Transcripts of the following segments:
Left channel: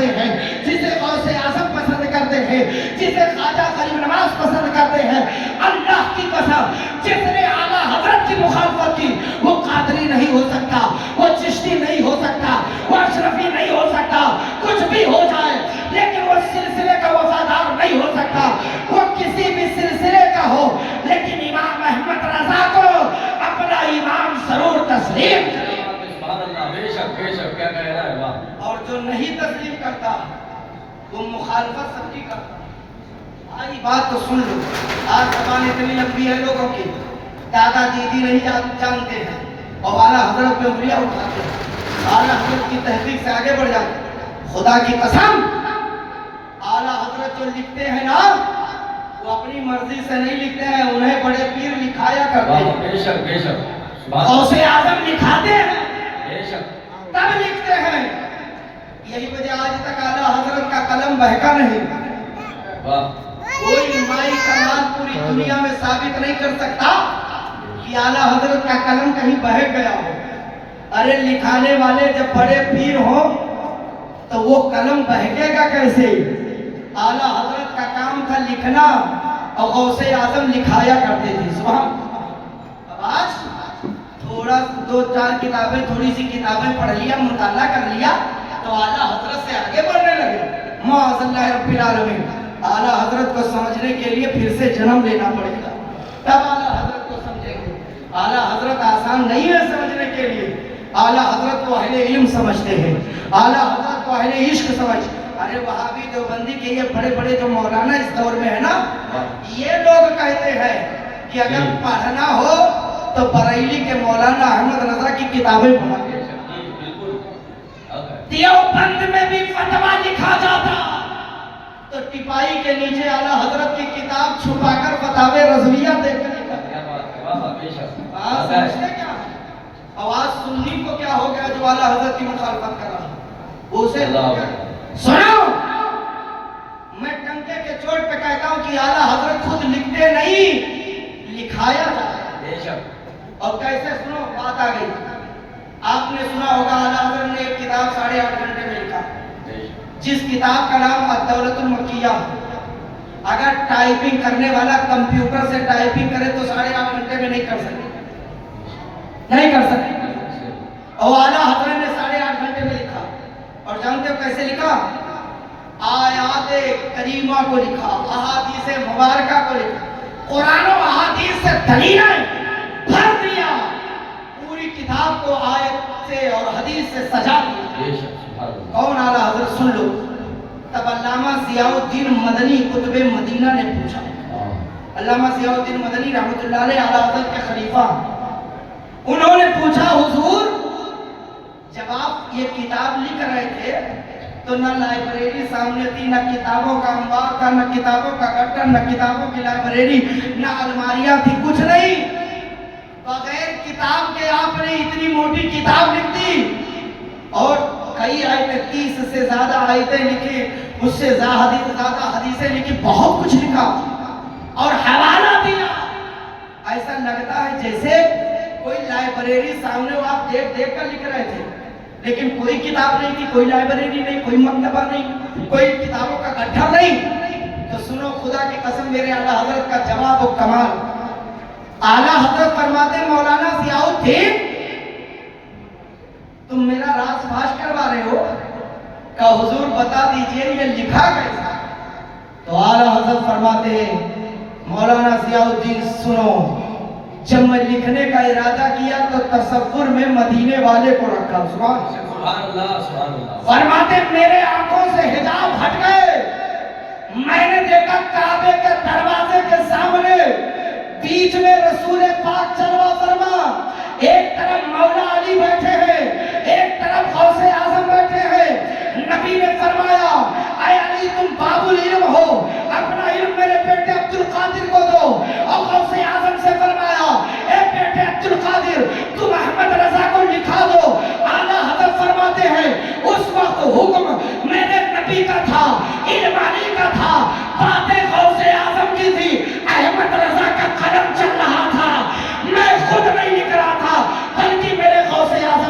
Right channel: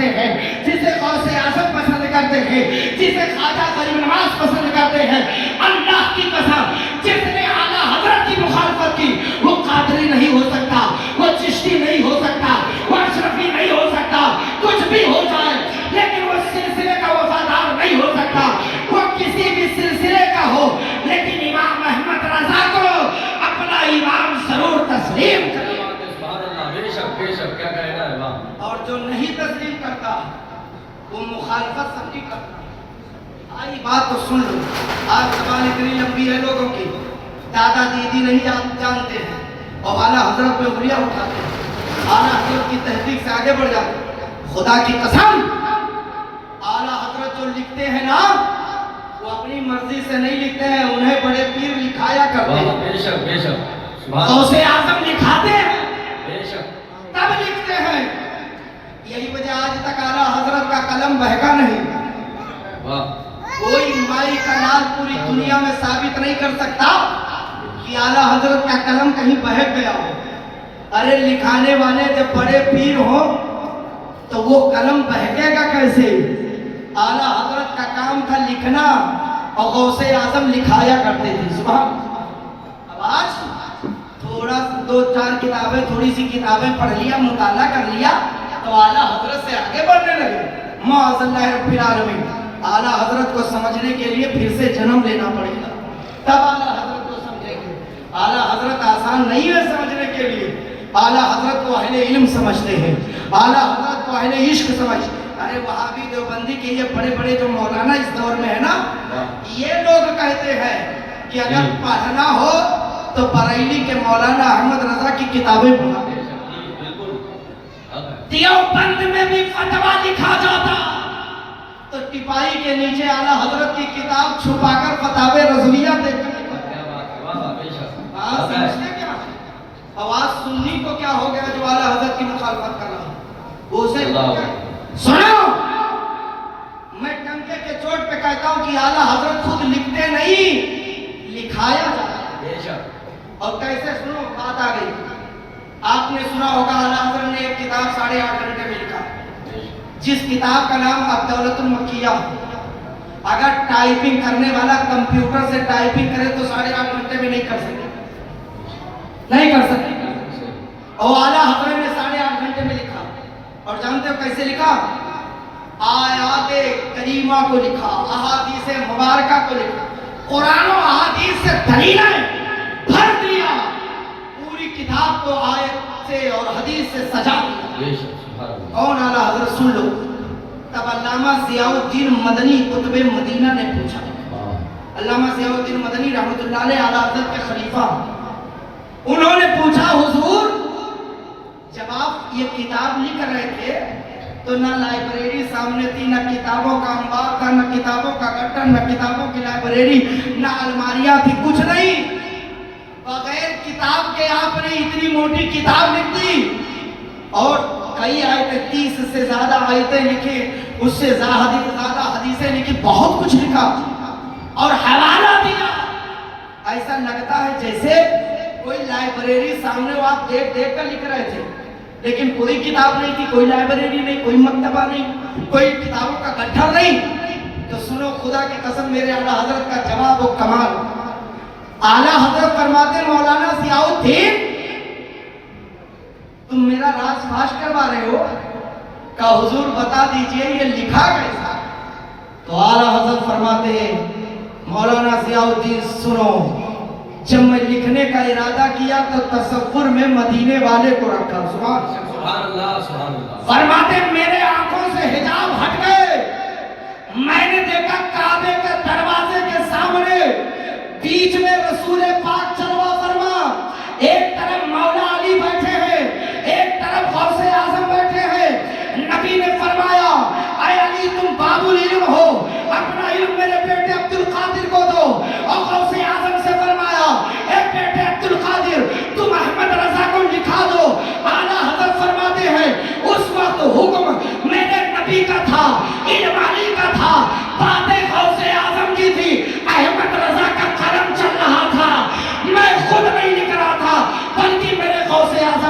کرتے ہیں، جسے غوث اعظم پسند کرتے ہیں، جسے خواجہ غریب نواز پسند کرتے ہیں، اللہ کی قسم جس نے اعلیٰ حضرت کی مخالفت کی وہ قادری نہیں ہو سکتا، وہ چشتی نہیں ہو سکتا، وہ اشرفی نہیں ہو سکتا، کچھ بھی ہو جائے لیکن وہ سلسلے کا وفادار نہیں ہو سکتا، وہ کسی بھی سلسلے کا ہو لیکن امام احمد رضا کو اپنا امام ضرور تسلیم کرے۔ بے شک کیا کہہ رہا ہے امام؟ اور جو نہیں تسلیم کرتا وہ مخالفت سب کی کرتا۔ آئی بات تو سن لو، آج زبان اتنی لمبی ہے لوگوں کی، دادا دیدی نہیں جانتے ہیں اور اعلیٰ حضرت پہ انگلیاں اٹھاتے ہیں، اعلیٰ حضرت کی تحقیق سے آگے بڑھ جاتے ہیں۔ خدا کی قسم اعلیٰ حضرت جو لکھتے ہیں نا وہ اپنی مرضی سے نہیں لکھتے ہیں، انہیں بڑے پیر لکھایا کرتے ہیں۔ بے شک غوث اعظم لکھاتے ہیں، بے شک تب لکھتے ہیں۔ یہی وجہ آج تک اعلیٰ حضرت کا قلم بہکا نہیں۔ کوئی مائی کا لال پوری دنیا میں ثابت نہیں کر سکتا کہ اعلیٰ حضرت کا قلم کہیں بہک گیا ہو۔ ارے لکھانے والے جب بڑے پیر ہوں تو وہ قلم بہکے گا کیسے؟ اعلیٰ حضرت کا کام تھا لکھنا اور غوث اعظم لکھایا کرتے تھے۔ سبحان اب آج تھوڑا دو چار کتابیں تھوڑی سی کتابیں پڑھ لیا، مطالعہ کر لیا تو اعلیٰ حضرت سے آگے بڑھنے لگے۔ معاذ اللہ رب العالمین، اعلیٰ حضرت کو سمجھنے کے لیے پھر سے جنم لینا پڑے گا، تب اعلیٰ حضرت کو سمجھیں گے۔ اعلیٰ حضرت آسان نہیں ہے سمجھنے کے لیے، اعلیٰ حضرت کو اہل علم سمجھتے ہیں، اعلیٰ حضرت کو اہل عشق سمجھتے ہیں۔ ارے وہابی دیوبندی کے یہ بڑے بڑے جو مولانا اس دور میں ہے نا، یہ لوگ کہتے ہیں کہ اگر پڑھنا ہو تو بریلی کے مولانا احمد رضا کی کتابیں پڑھا۔ دیوبند میں بھی فتویٰ لکھا جاتا تو ٹپائی کے نیچے اعلیٰ حضرت کی کتاب چھپا کر فتاوی رضویہ دیکھ کر لکھا۔ سمجھتے کیا ہے؟ آواز سننی کو کیا ہو گیا جو اعلیٰ حضرت کی مخالفت کر رہا ہے اسے سنو، میں ٹنکے کے چوٹ پہ کہتا ہوں کہ اعلیٰ حضرت خود لکھتے نہیں، لکھایا جاتا ہے۔ اور کیسے سنو، بات آ گئی، آپ نے سنا ہوگا اعلیٰ حضرت نے ایک کتاب 8.5 گھنٹے میں لکھا، جس کتاب کا نام الدولۃ المکیہ۔ اگر ٹائپنگ کرنے والا کمپیوٹر سے ٹائپنگ کرے تو 8.5 گھنٹے میں نہیں کر سکتے، نہیں کر سکتے۔ اور اعلیٰ حضرت نے 8.5 گھنٹے میں لکھا، اور جانتے ہو کیسے لکھا؟ آیات کریمہ کو لکھا، احادیث مبارکہ کو لکھا، قرآن و احادیث سے دلیلیں بھر دیا، پوری کتاب کو آیت سے اور حدیث سے سجا دیا۔ کون اعلیٰ حضرت؟ سن لو، تب علامہ ضیاء الدین مدنی قطب مدینہ نے پوچھا، علامہ ضیاء الدین مدنی رحمۃ اللہ علیہ اعلیٰ حضرت کے خلیفہ، انہوں نے پوچھا حضور جب آپ یہ کتاب لکھ رہے تھے تو نہ لائبریری سامنے تھی، نہ کتابوں کا انبار تھا، نہ کتابوں کا گٹر، نہ کتابوں کی لائبریری، نہ الماریاں تھی، کچھ نہیں، بغیر کتاب کے آپ نے اتنی موٹی کتاب لکھ دی، اور کئی آیتیں 30 سے زیادہ آیتیں لکھی، اس سے زیادہ حدیثیں لکھی، بہت کچھ لکھا اور حوالہ دیا۔ ایسا لگتا ہے جیسے کوئی لائبریری سامنے وہ آپ دیکھ کر لکھ رہے تھے، لیکن کوئی کتاب نہیں تھی، کوئی لائبریری نہیں، کوئی مکتبہ نہیں، کوئی کتابوں کا گٹھا نہیں۔ تو سنو، خدا کی قسم میرے اعلیٰ حضرت کا جواب و کمال۔ اعلیٰ حضرت فرماتے مولانا ضیاء الدین تم میرا راز فاش کروا رہے ہو، کہ حضور بتا دیجئے یہ لکھا کیسا؟ تو اعلیٰ حضرت فرماتے مولانا ضیاء الدین سنو، جب میں لکھنے کا ارادہ کیا تو تصور میں مدینے والے کو رکھا۔ سبحان اللہ، سبحان اللہ۔ فرماتے میرے آنکھوں سے حجاب ہٹ گئے، میں نے دیکھا کعبے کے دروازے کے سامنے بیچ میں رسول پاک چلوا فرما، ایک طرف مولا علی بیٹھے ہیں، ایک طرف غوث اعظم بیٹھے ہیں۔ نبی نے فرمایا اے علی تم باب العلم ہو، اپنا علم میرے بیٹے عبد القادر کو دو، اور غوث اعظم سے فرمایا اے بیٹے عبد القادر تم احمد رضا کو لکھا دو۔ اعلیٰ حضرت فرماتے ہیں اس وقت حکم میرے نبی کا تھا، علم علی کا تھا، باتیں غوث اعظم کی تھی، احمد رضا کا قلم چل رہا تھا، میں خود نہیں لکھ رہا تھا بلکہ میرے غوث اعظم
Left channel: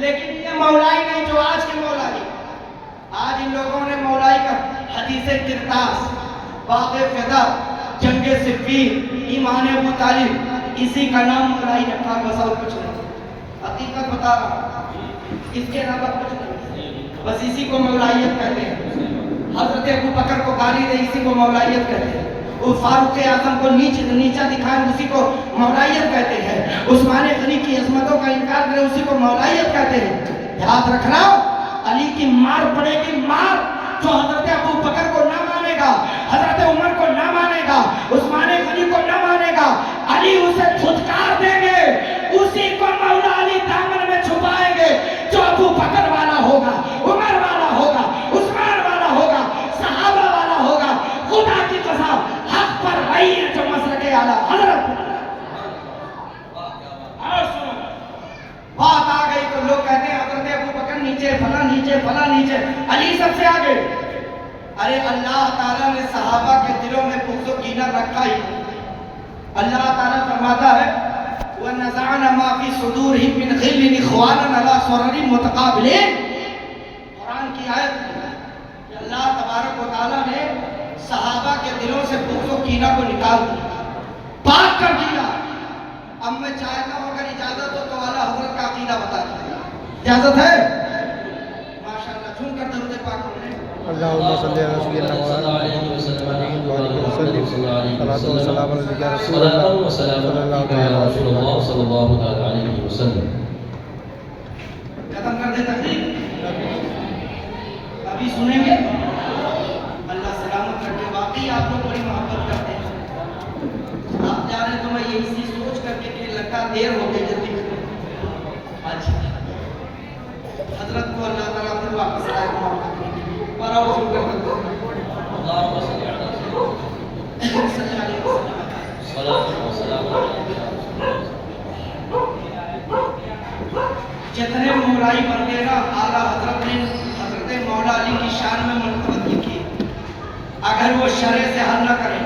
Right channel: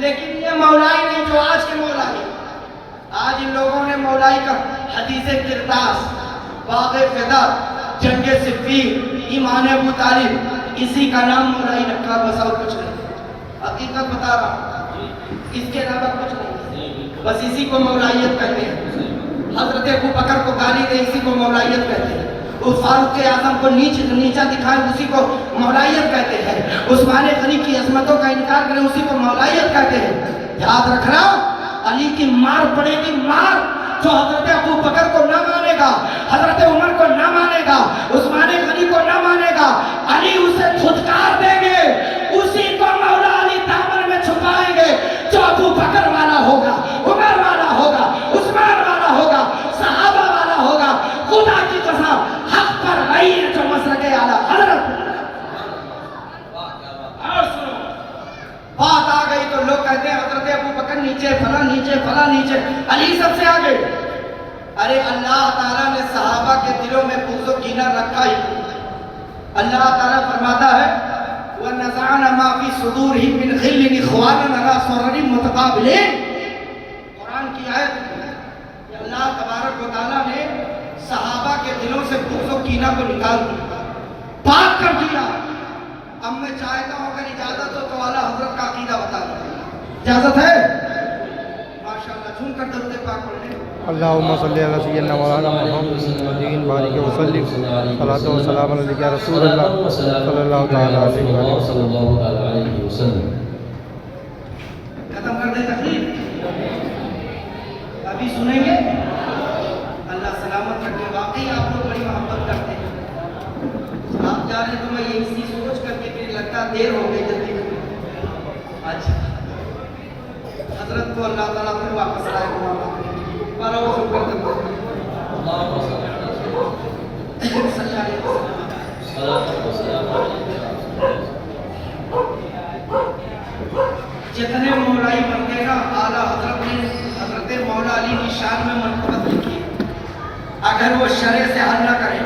لیکن یہ مولائی نہیں جو آج کے مولائی. آج ان لوگوں نے مولائی کا حدیث کرتاس، باغ فدا، جنگ صفین، ایمان ابو طالب، اسی کا نام مولائی رکھا، بس اور کچھ نہیں. حقیقت بتا رہا ہوں، اس کے علاوہ کچھ نہیں، بس اسی کو مولائیت کہتے ہیں. حضرت ابو بکر کو گالی دے، اسی کو مولائیت کہتے ہیں. وہ فاروق اعظم کو نیچا دکھائے، اسی کو مولائیت کہتے ہیں. عثمان غنی کی عظمتوں کا انکار کرے، اسی کو مولائیت کہتے ہیں. یاد رکھنا، علی کی مار پڑے گی، مار. جو حضرت ابو بکر کو نہ مانے گا، حضرت عمر کو نہ مانے گا، عثمان غنی کو نہ مانے گا، علی اسے دھتکار دیں گے. اسی کو مولا علی دامن میں چھپائیں گے. جو ابو بکر والا ہوگا، عمر والا ہوگا، عثمان والا ہوگا، صحابہ والا ہوگا، خدا کی قسم حق پر غیر جو مسلک اعلیٰ حضرت. اور سنو، بات آ گئی تو لوگ کہتے ہیں حضرت ابو بکر نیچے، فلاں نیچے، فلاں نیچے، علی سب سے آگے. ارے اللہ تعالیٰ نے صحابہ کے دلوں میں بغض و کینہ رکھا ہی. اللہ تعالیٰ فرماتا ہے وَنَزَعْنَا مَا فِي صُدُورِهِم مِّنْ غِلٍّ إِخْوَانًا عَلَىٰ سُرُرٍ مُتَقَابِلِينَ. قرآن کی آیت ہے کہ اللہ تبارک و تعالیٰ نے صحابہ کے دلوں سے بغض و کینہ کو نکال دیا، پاک کر دیا. اب میں چاہتا ہوں اگر اجازت ہو تو اعلیٰ حضرت کا عقیدہ بتا دیں. اجازت ہے؟ ماشاءاللہ، جھوم کر درود پاک پڑھ لیں. اللهم صل على سيدنا مولانا محمد وعلى وسلم صلاة والسلام عليك يا رسول الله صلى الله تعالى عليه وسلم. ختم کر دیں تقریر، ابھی سنیں گے. اللہ سلامت رکھے. واقعی آپ لوگ بڑی محبت کرتے ہیں. آپ جا رہے تو میں یہی سوچ کر کے کہ لگتا دیر ہو گئی جلدی میں. اچھا، حضرت کو اللہ تعالیٰ پھر واپس آئے کو پر اور شکر کرتے ہیں. جتنے مولائی بن گئے نا، اعلیٰ حضرت نے حضرت مولا علی کی شان میں منقبت لکھی. اگر وہ شرع سے حل نہ کریں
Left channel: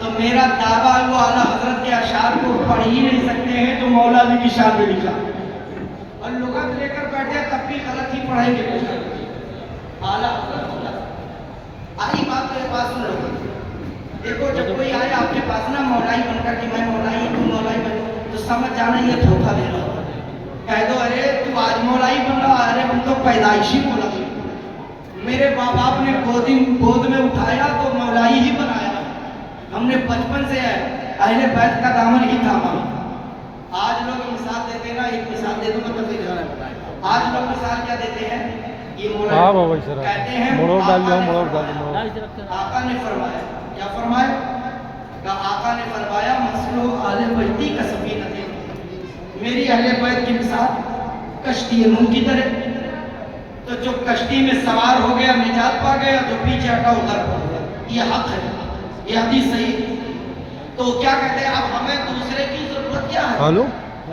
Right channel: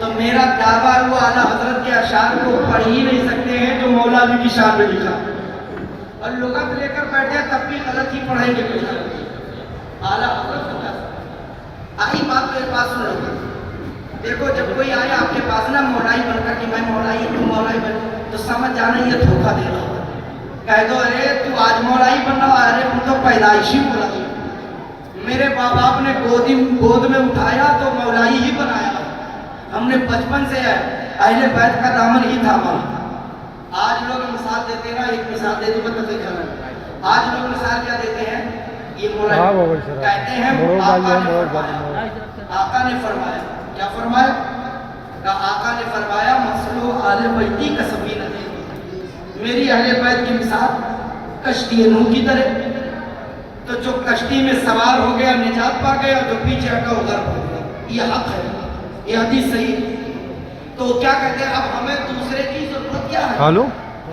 تو میرا دعویٰ وہ اعلیٰ حضرت کے اشعار کو پڑھ ہی نہیں سکتے ہیں جو مولا علی کی شان میں لکھا. اور لغت لے کر بیٹھے ہیں تب بھی غلط ہی پڑھیں گے. اعلیٰ حضرت آئی بات میرے پاس سن لو. دیکھو جب کوئی آئے آپ کے پاس نا مولائی بن کر کہ میں مولائی تو مولائی بن، تو سمجھ جانا یہ دھوکہ دے رہا. کہہ دو ارے تو آج مولائی بن رہا، ارے ہم تو پیدائشی مولائی، میرے باپ باپ نے گود میں اٹھایا تو مولائی ہی بنایا. ہم نے بچپن سے اہل بیت کا دامن ہی تھاما. آج لوگ مثال دیتے نا، ایک مثال دے دوں میں تو دیکھا نا. آج لوگ مثال کیا دیتے ہیں؟ یہ مولائی کہتے ہیں آقا نے فرمایا. کیا فرمایا؟ کہ آقا نے فرمایا مسلو اہل بیتی کا سفینہ تھی. میری اہل بیت کی مثال کشتی نوح کی طرح. تو جو کشتی میں سوار ہو گیا نجات پا گیا، جو پیچھے ہٹا وہ غرق ہو گیا. یہ حق ہے، یہ حدیث صحیح. تو کیا کہتے ہیں اب ہمیں دوسرے کی ضرورت کیا ہے؟